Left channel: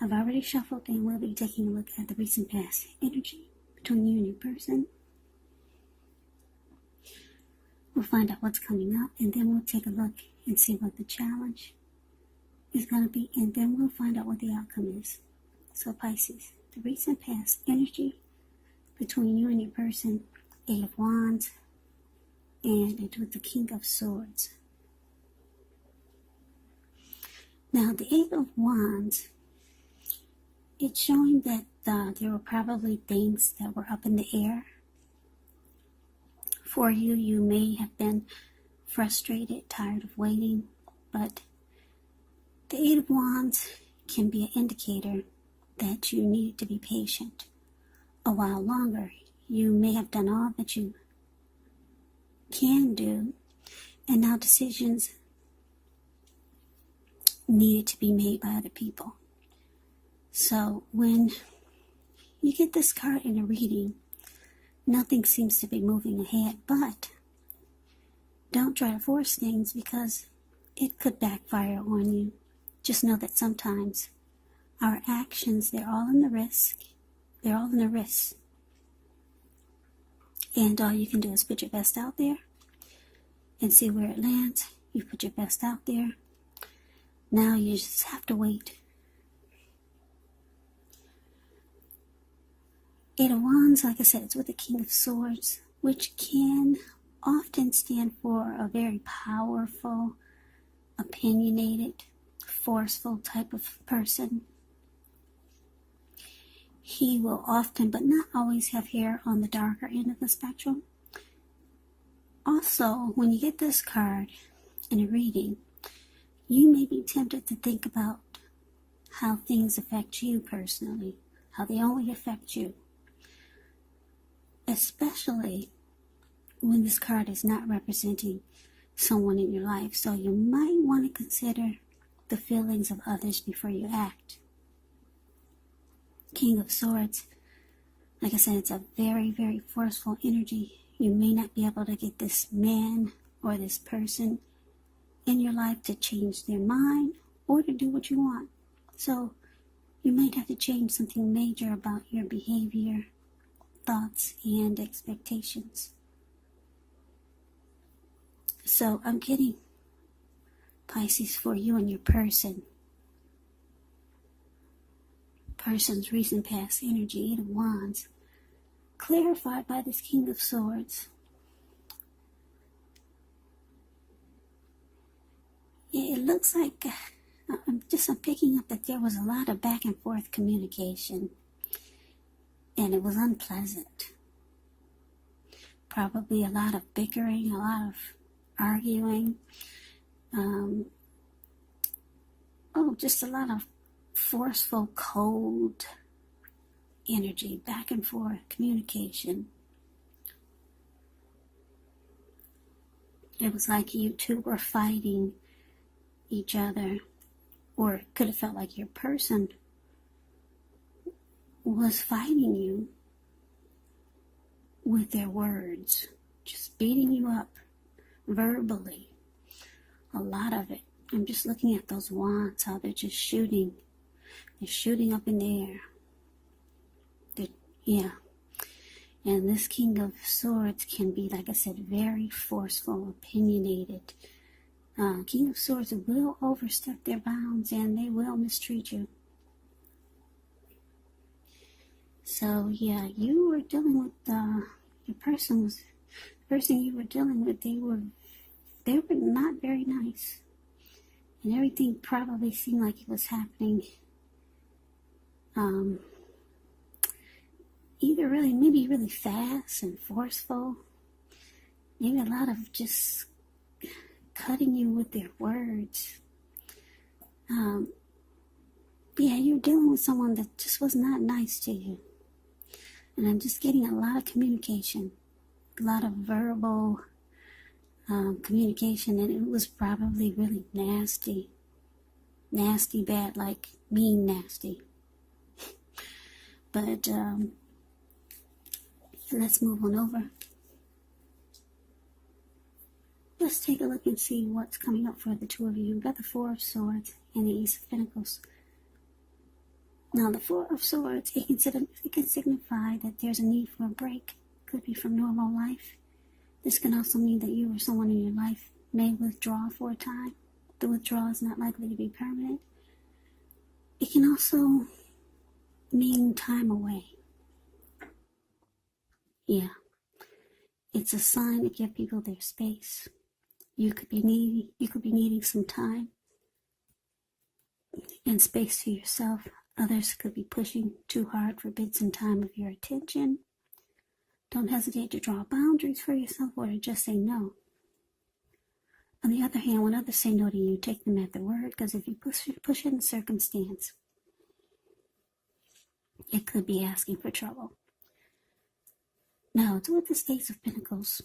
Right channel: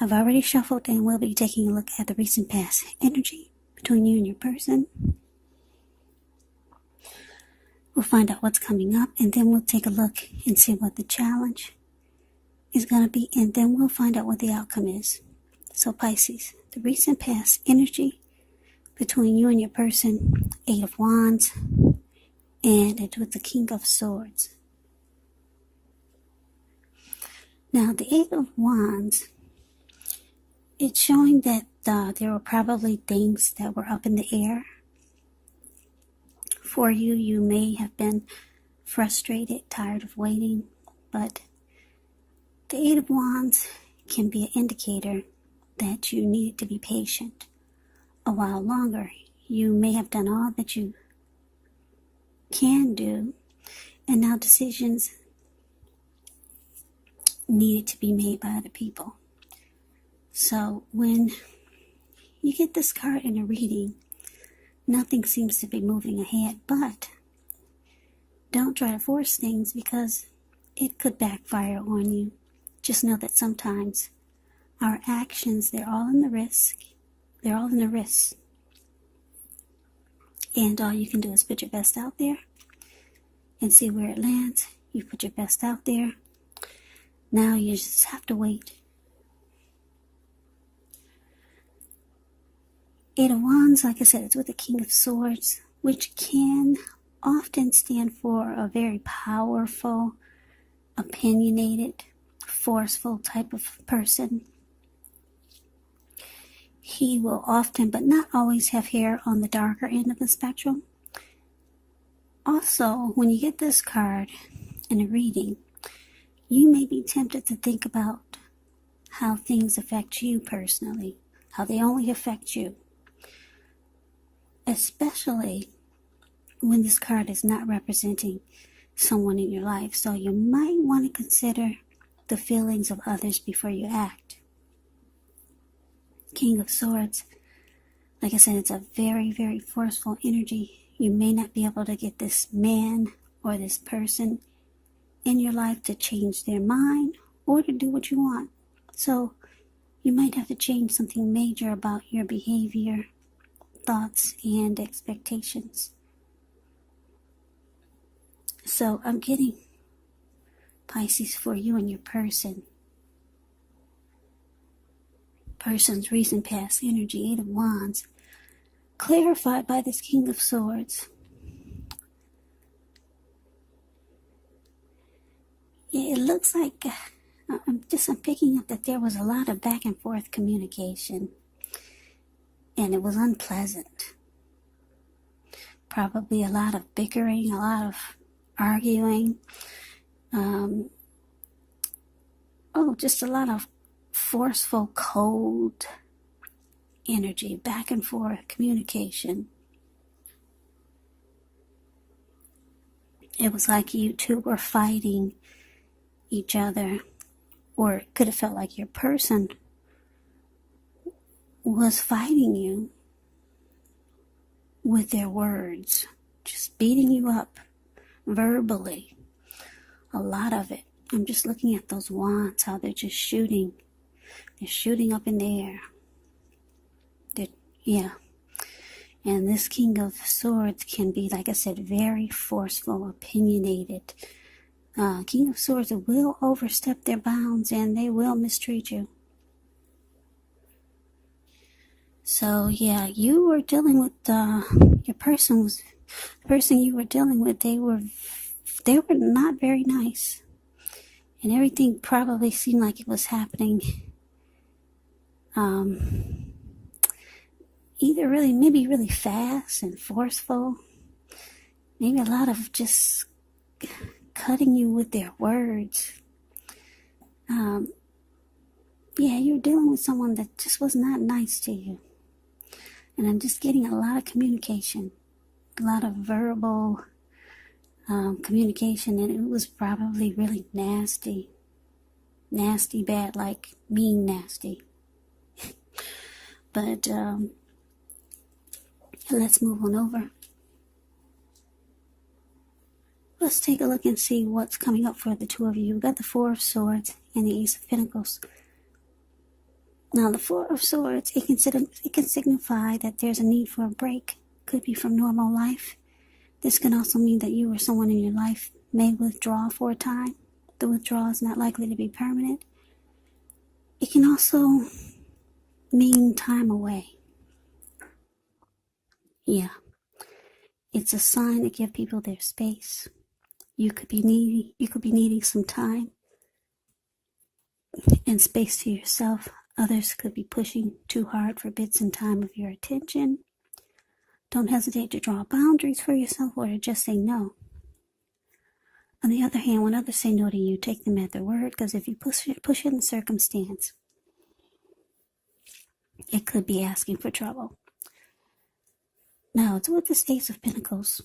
I've already shuffled and we'll be taking a look at the recent past energy between you and your person. We'll find out what's coming up, and then we'll take a look and see what the challenge is going to be, and then we'll find out what the outcome is. So Pisces, the recent past energy between you and your person, 8 of Wands, and it's with the King of Swords. Now, the 8 of Wands, it's showing that there were probably things that were up in the air. For you, you may have been frustrated, tired of waiting, but the 8 of Wands can be an indicator that you need to be patient a while longer. You may have done all that you can do, and now decisions needed to be made by other people. So when you get this card in a reading, nothing seems to be moving ahead, but don't try to force things because it could backfire on you. Just know that sometimes our actions, they're all in the risk. They're all in the risk. And all you can do is put your best out there and see where it lands. You put your best out there. Now you just have to wait. 8 of Wands, like I said, it's with the King of Swords, which can often stand for a very powerful, opinionated, forceful type of person. He will often, but not always, have hair on the darker end of the spectrum. Also, when you get this card in a reading, you may be tempted to think about how things affect you personally, how they only affect you. Especially when this card is not representing someone in your life. So you might want to consider the feelings of others before you act. King of Swords, like I said, it's a very, very forceful energy. You may not be able to get this man or this person in your life to change their mind or to do what you want. So you might have to change something major about your behavior, thoughts, and expectations. So I'm getting, Pisces, for you and your person's recent past energy, 8 of Wands, clarified by this King of Swords. It looks like I'm picking up that there was a lot of back and forth communication. And it was unpleasant. Probably a lot of bickering, a lot of arguing. Just a lot of forceful, cold energy, back and forth communication. It was like you two were fighting each other, or it could have felt like your person was fighting you with their words, just beating you up verbally. A lot of it. I'm just looking at those wands, how they're just shooting. They're shooting up in the air. And this King of Swords can be, like I said, very forceful, opinionated. King of Swords will overstep their bounds and they will mistreat you. So yeah, you were dealing with the person you were dealing with. They were not very nice, and everything probably seemed like it was happening. Either maybe really fast and forceful, maybe a lot of just cutting you with their words. You're dealing with someone that just was not nice to you. And I'm just getting a lot of communication, a lot of verbal communication, and it was probably really nasty, bad, like mean nasty. But let's move on over. Let's take a look and see what's coming up for the two of you. We've got the 4 of Swords and the Ace of Pentacles. Now, the Four of Swords, it can signify that there's a need for a break. Could be from normal life. This can also mean that you or someone in your life may withdraw for a time. The withdrawal is not likely to be permanent. It can also mean time away. Yeah. It's a sign to give people their space. You could be needing some time and space to yourself. Others could be pushing too hard for bits and time of your attention. Don't hesitate to draw boundaries for yourself or to just say no. On the other hand, when others say no to you, take them at their word, because if you push in the circumstance, it could be asking for trouble. Now, it's with the Ace of Pentacles.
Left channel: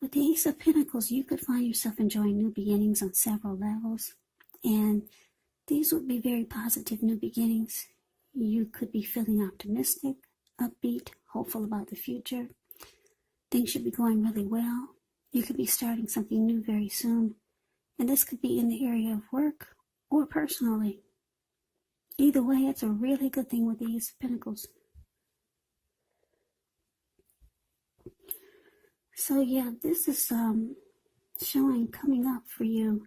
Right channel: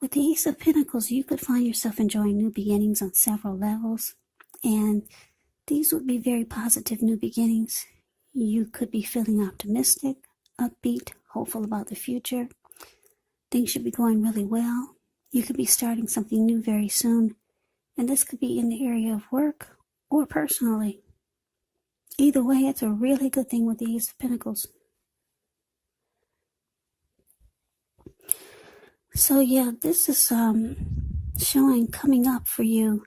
With the Ace of Pentacles, you could find yourself enjoying new beginnings on several levels, and these would be very positive new beginnings. You could be feeling optimistic, upbeat, hopeful about the future. Things should be going really well. You could be starting something new very soon, and this could be in the area of work or personally. Either way, it's a really good thing with the Ace of Pentacles. So yeah, this is showing coming up for you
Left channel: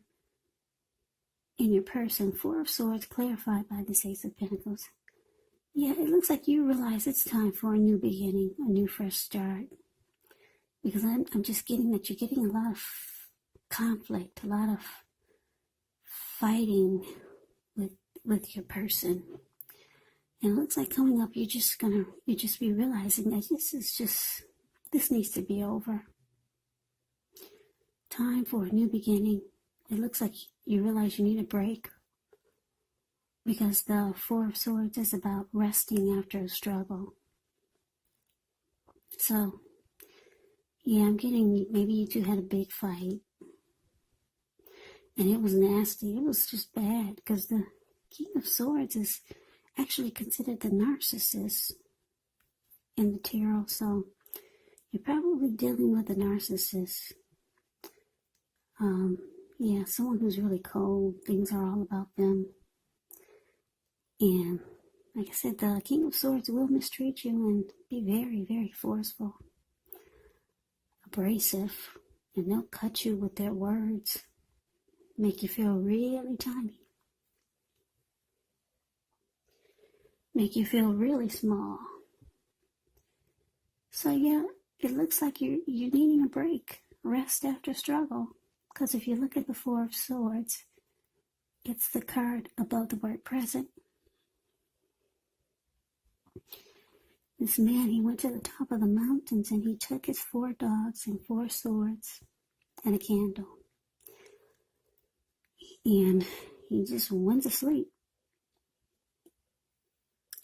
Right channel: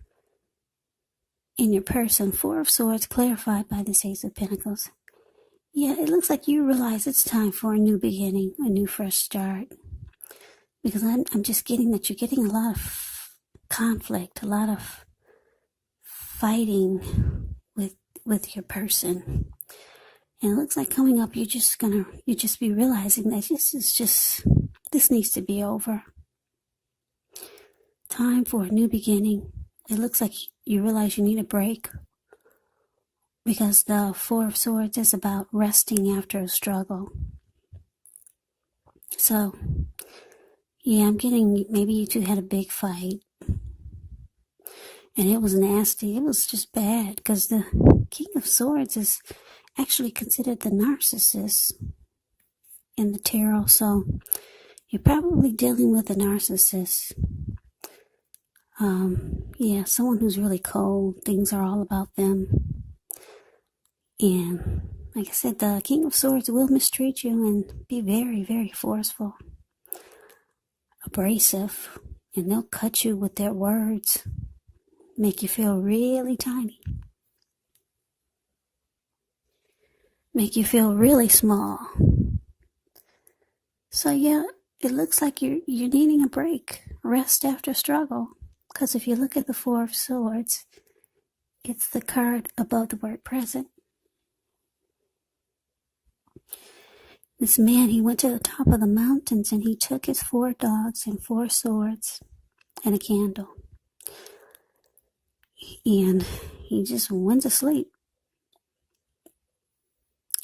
in your person. Four of Swords clarified by this Ace of Pentacles. Yeah, it looks like you realize it's time for a new beginning, a new fresh start. Because I'm just getting that you're getting a lot of conflict, a lot of fighting with your person. And it looks like coming up, you just be realizing that this needs to be over. Time for a new beginning. It looks like you realize you need a break, because the Four of Swords is about resting after a struggle. So, yeah, I'm getting maybe you two had a big fight. And it was nasty. It was just bad, because the King of Swords is actually considered the narcissist in the tarot. So, you're probably dealing with a narcissist. Yeah, someone who's really cold. Things are all about them. And like I said, the King of Swords will mistreat you and be very, very forceful, abrasive, and they'll cut you with their words, make you feel really tiny, make you feel really small. So yeah, it looks like you're needing a break, rest after struggle. Because if you look at the Four of Swords, it's the card above the word present. This man, he went to the top of the mountains and he took his 4 dogs and 4 swords and a candle. And he just went to sleep.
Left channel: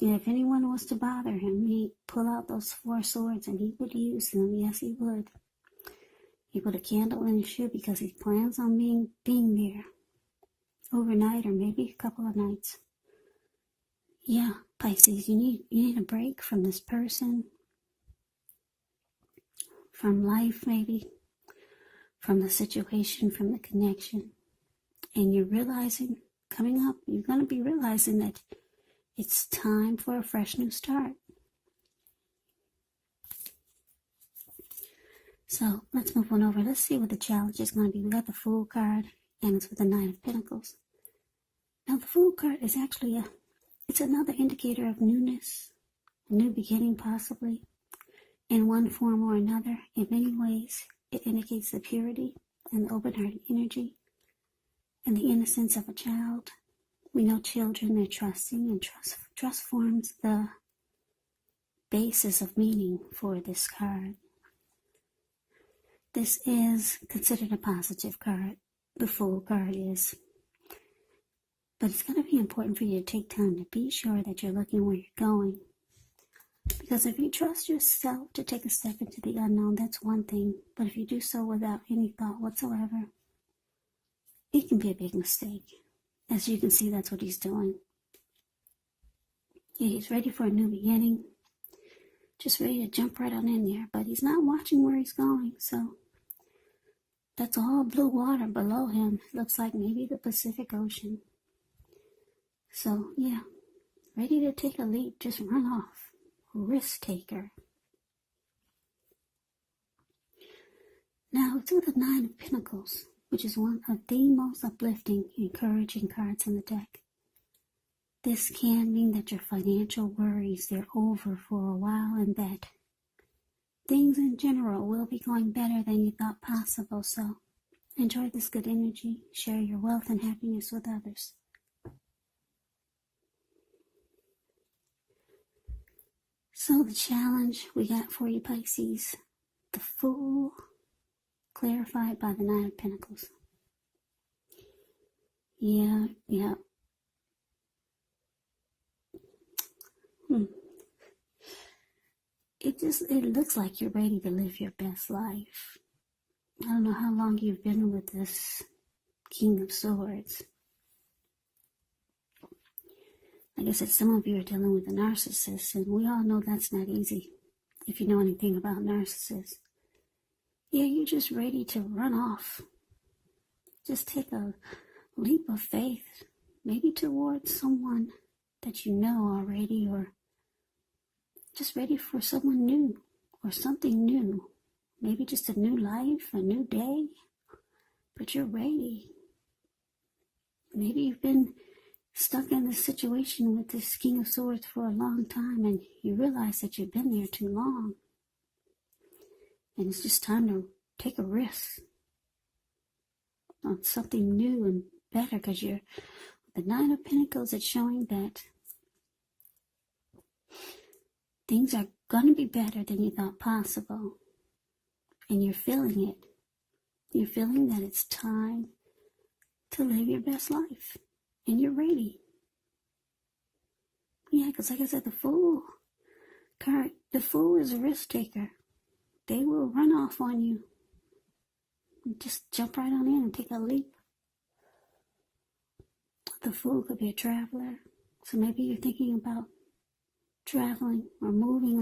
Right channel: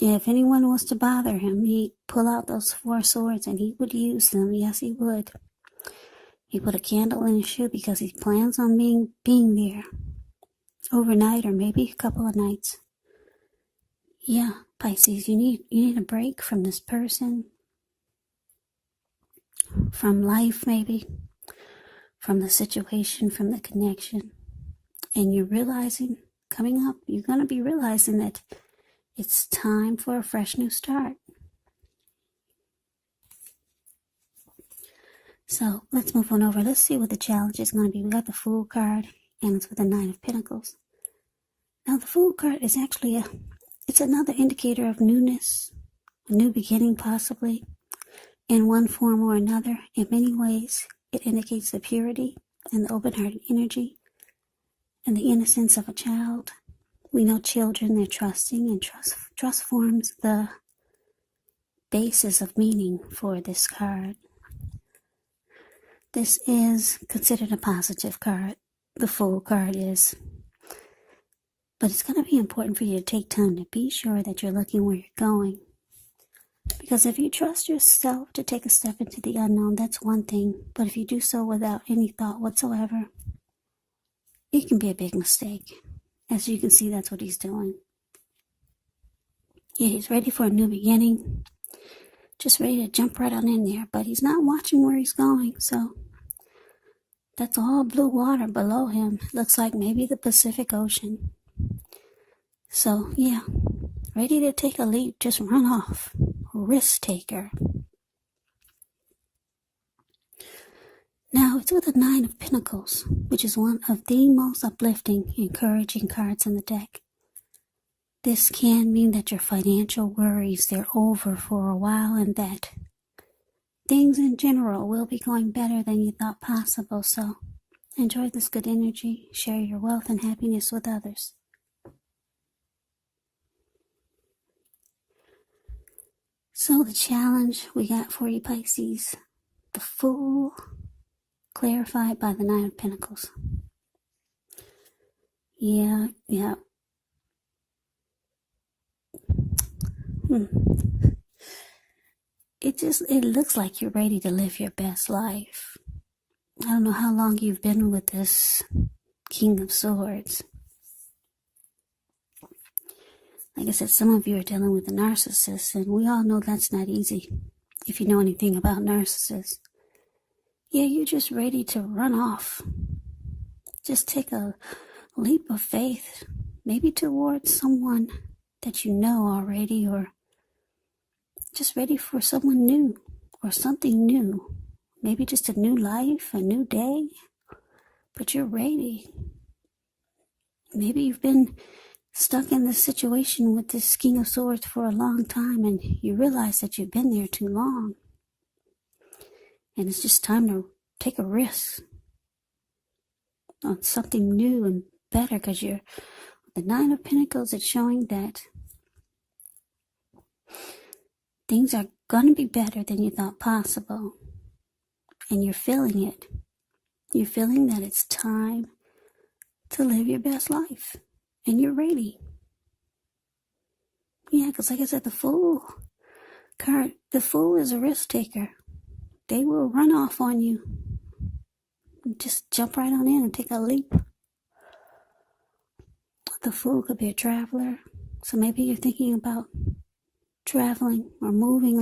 If anyone was to bother him, he'd pull out those 4 swords and he would use them. Yes, he would. He put a candle in his shoe because he plans on being there overnight or maybe a couple of nights. Yeah, Pisces, you need a break from this person, from life maybe, from the situation, from the connection. And you're realizing, coming up, you're going to be realizing that it's time for a fresh new start. So let's move on over. Let's see what the challenge is going to be. We got the Fool card, and it's with the Nine of Pentacles. Now the Fool card is actually it's another indicator of newness, a new beginning possibly, in one form or another. In many ways, it indicates the purity and the open-hearted energy and the innocence of a child. We know children, they're trusting, and trust forms the basis of meaning for this card. This is considered a positive card. The Fool card is. But it's going to be important for you to take time to be sure that you're looking where you're going. Because if you trust yourself to take a step into the unknown, that's one thing. But if you do so without any thought whatsoever, it can be a big mistake. As you can see, that's what he's doing. Yeah, he's ready for a new beginning. Just ready to jump right on in there. But he's not watching where he's going. So that's all blue water below him. Looks like maybe the Pacific Ocean. So, yeah, ready to take a leap, just run off. Risk taker. Now, it's with the Nine of Pentacles, which is one of the most uplifting, encouraging cards in the deck. This can mean that your financial worries, they're over for a while, and that things in general will be going better than you thought possible. So, enjoy this good energy. Share your wealth and happiness with others. So, the challenge we got for you, Pisces, the Fool, clarified by the Nine of Pentacles. Yeah. It looks like you're ready to live your best life. I don't know how long you've been with this King of Swords. Like I said, some of you are dealing with a narcissist, and we all know that's not easy. If you know anything about narcissists. Yeah, you're just ready to run off. Just take a leap of faith, maybe towards someone that you know already, or just ready for someone new or something new. Maybe just a new life, a new day, but you're ready. Maybe you've been stuck in this situation with this King of Swords for a long time, and you realize that you've been there too long. And it's just time to take a risk on something new and better, because you're the Nine of Pentacles. It's showing that things are going to be better than you thought possible, and you're feeling it. You're feeling that it's time to live your best life, and you're ready. Yeah, because like I said, the Fool is a risk taker. They will run off on you. Just jump right on in and take a leap. The Fool could be a traveler, so maybe you're thinking about traveling or moving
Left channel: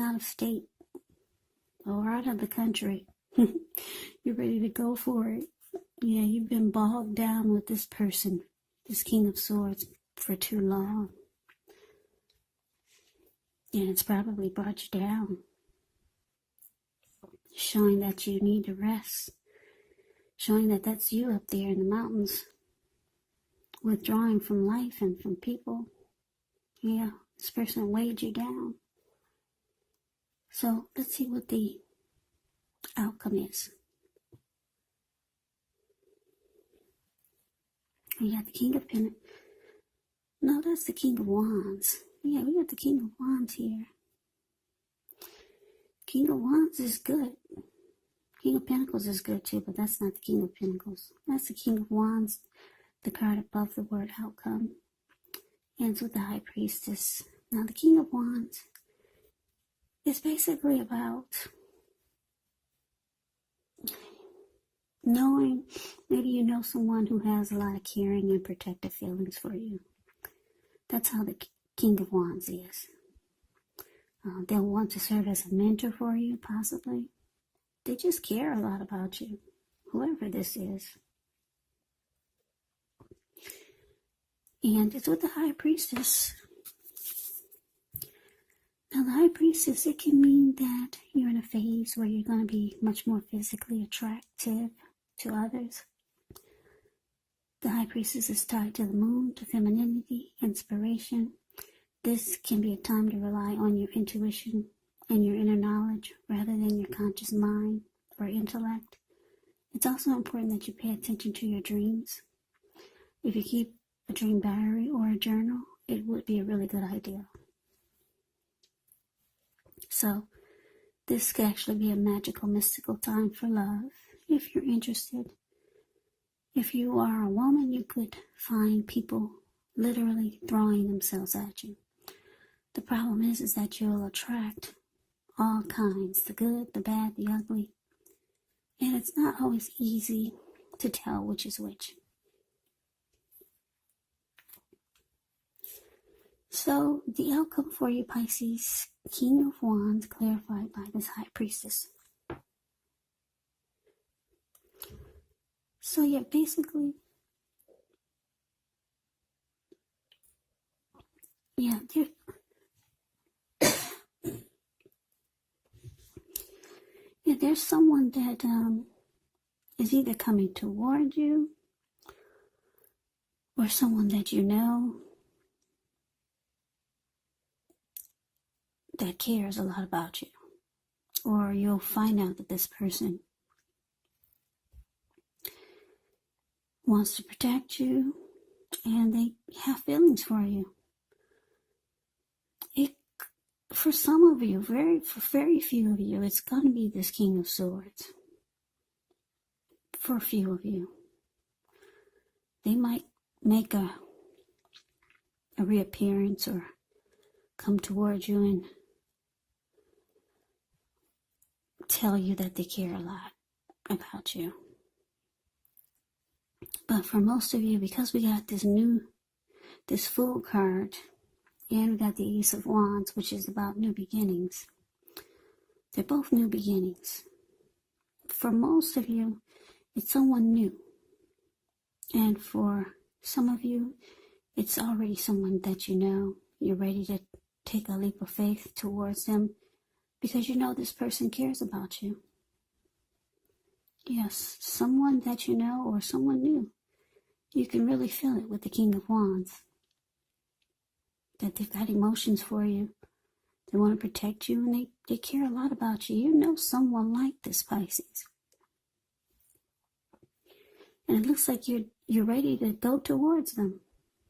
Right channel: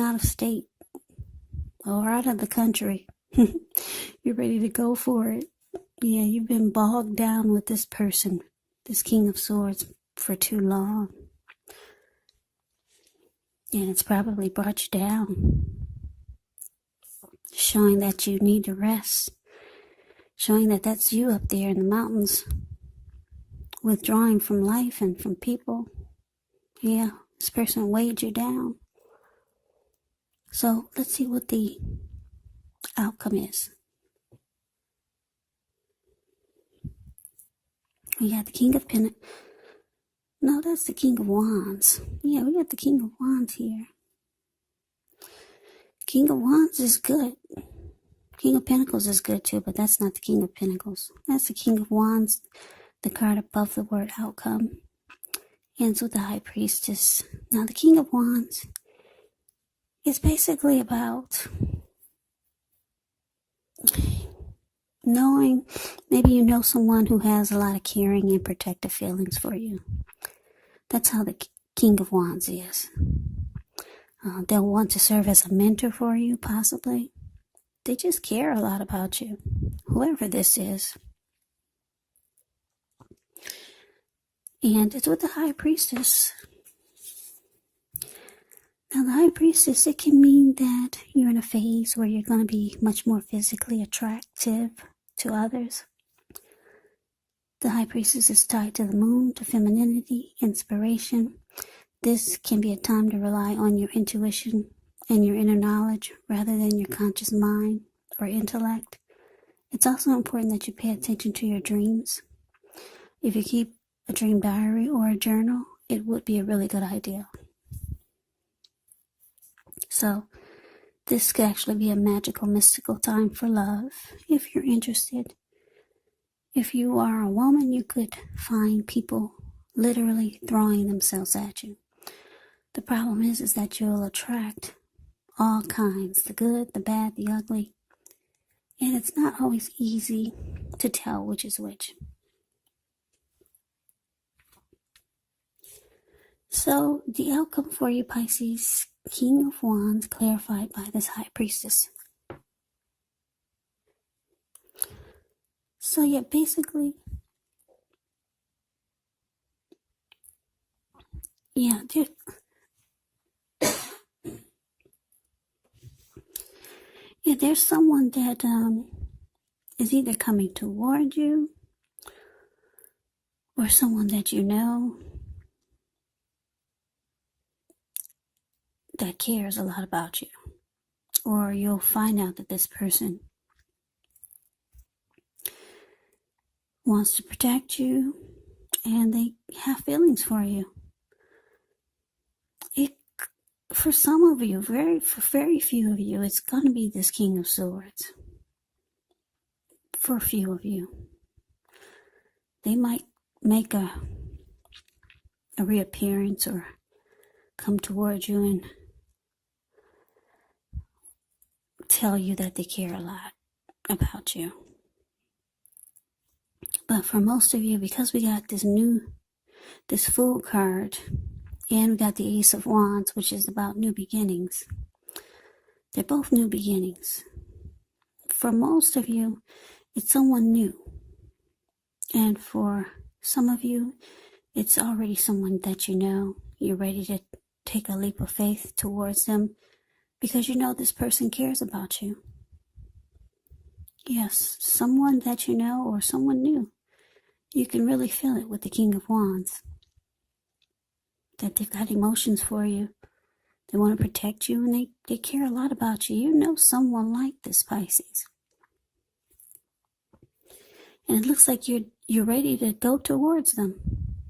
out of state or out of the country. You're ready to go for it. Yeah, you've been bogged down with this person, this King of Swords, for too long. And it's probably brought you down, showing that you need to rest, showing that that's you up there in the mountains, withdrawing from life and from people. Yeah, this person weighed you down. So let's see what the outcome is. We got the King of Pentacles. No, that's the King of Wands. Yeah, we got the King of Wands here. King of Wands is good. King of Pentacles is good too, but that's not the King of Pentacles. That's the King of Wands, the card above the word outcome. Ends with the High Priestess. Now, the King of Wands is basically about knowing, maybe you know someone who has a lot of caring and protective feelings for you. That's how the King of Wands is. They'll want to serve as a mentor for you, possibly. They just care a lot about you, whoever this is. And it's with the High Priestess. Now, the High Priestess, it can mean that you're in a phase where you're going to be much more physically attractive to others. The High Priestess is tied to the moon, to femininity, inspiration. This can be a time to rely on your intuition and your inner knowledge rather than your conscious mind or intellect. It's also important that you pay attention to your dreams. If you keep a dream diary or a journal, it would be a really good idea. So, this could actually be a magical, mystical time for love, if you're interested. If you are a woman, you could find people literally throwing themselves at you. The problem is that you'll attract all kinds, the good, the bad, the ugly. And it's not always easy to tell which is which. So, the outcome for you, Pisces, King of Wands, clarified by this High Priestess. So, yeah, basically, Yeah, yeah, there's someone that is either coming toward you or someone that you know that cares a lot about you. Or you'll find out that this person wants to protect you and they have feelings for you. For some of you, for very few of you, it's going to be this King of Swords. For a few of you, they might make a reappearance or come towards you and tell you that they care a lot about you. But for most of you, because we got this Fool card, and we got the Ace of Wands, which is about new beginnings. They're both new beginnings. For most of you, it's someone new. And for some of you, it's already someone that you know. You're ready to take a leap of faith towards them because you know this person cares about you. Yes, someone that you know or someone new. You can really feel it with the King of Wands. That they've got emotions for you. They want to protect you and they care a lot about you. You know someone like this, Pisces. And it looks like you're ready to go towards them.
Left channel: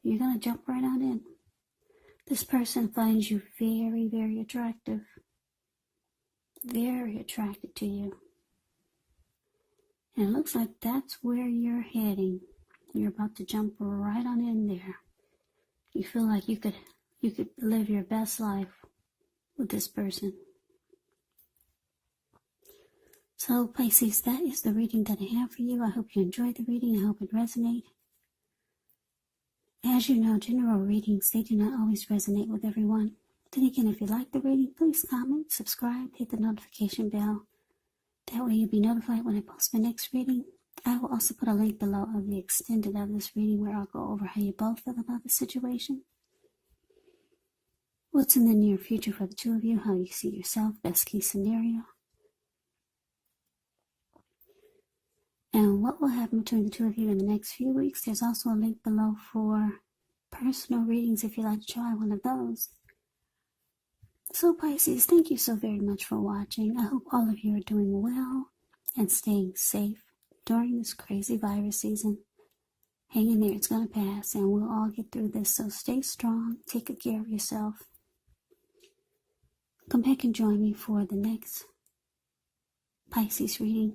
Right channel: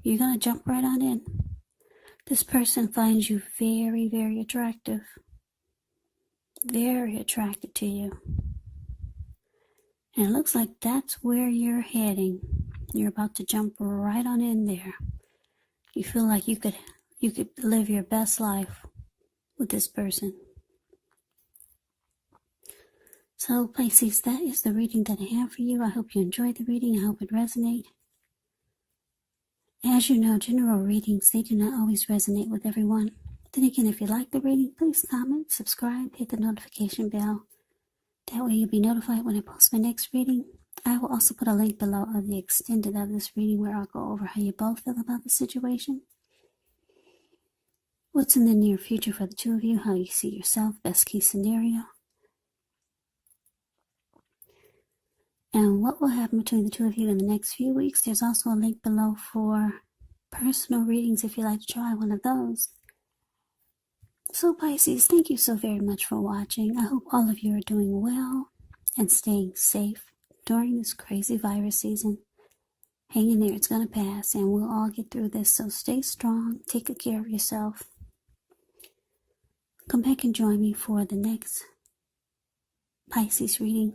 You're going to jump right on in. This person finds you very, very attractive. Very attracted to you. And it looks like that's where you're heading. You're about to jump right on in there. You feel like you could live your best life with this person. So Pisces, that is the reading that I have for you. I hope you enjoyed the reading. I hope it resonated. As you know, general readings, they do not always resonate with everyone. Then again, if you like the reading, please comment, subscribe, hit the notification bell. That way you'll be notified when I post my next reading. I will also put a link below of the extended of this reading where I'll go over how you both feel about the situation. What's in the near future for the two of you, how you see yourself, best case scenario. And what will happen between the two of you in the next few weeks. There's also a link below for personal readings if you'd like to try one of those. So Pisces, thank you so very much for watching. I hope all of you are doing well and staying safe during this crazy virus season. Hang in there, it's going to pass and we'll all get through this. So stay strong, take good care of yourself. Come back and join me for the next Pisces reading,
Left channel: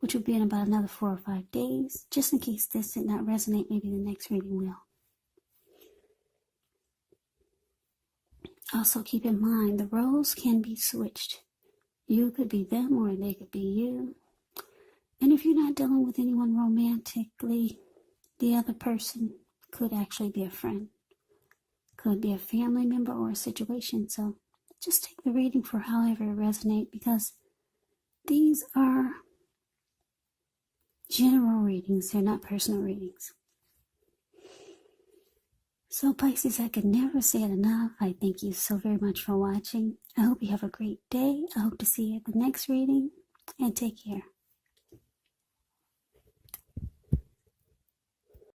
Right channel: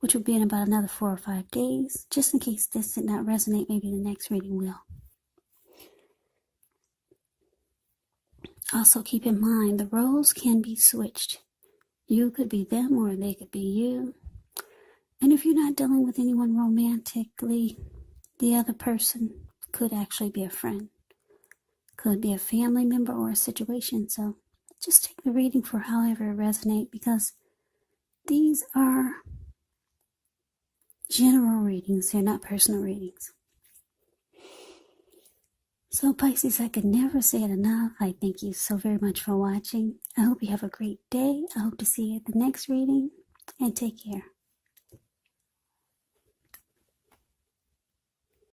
which will be in about another 4 or 5 days. Just in case this did not resonate, maybe the next reading will. Also keep in mind, the roles can be switched. You could be them or they could be you. And if you're not dealing with anyone romantically, the other person could actually be a friend. Could be a family member or a situation. So just take the reading for however it resonates, because these are general readings. They're not personal readings. So Pisces, I could never say it enough. I thank you so very much for watching. I hope you have a great day. I hope to see you at the next reading, and take care.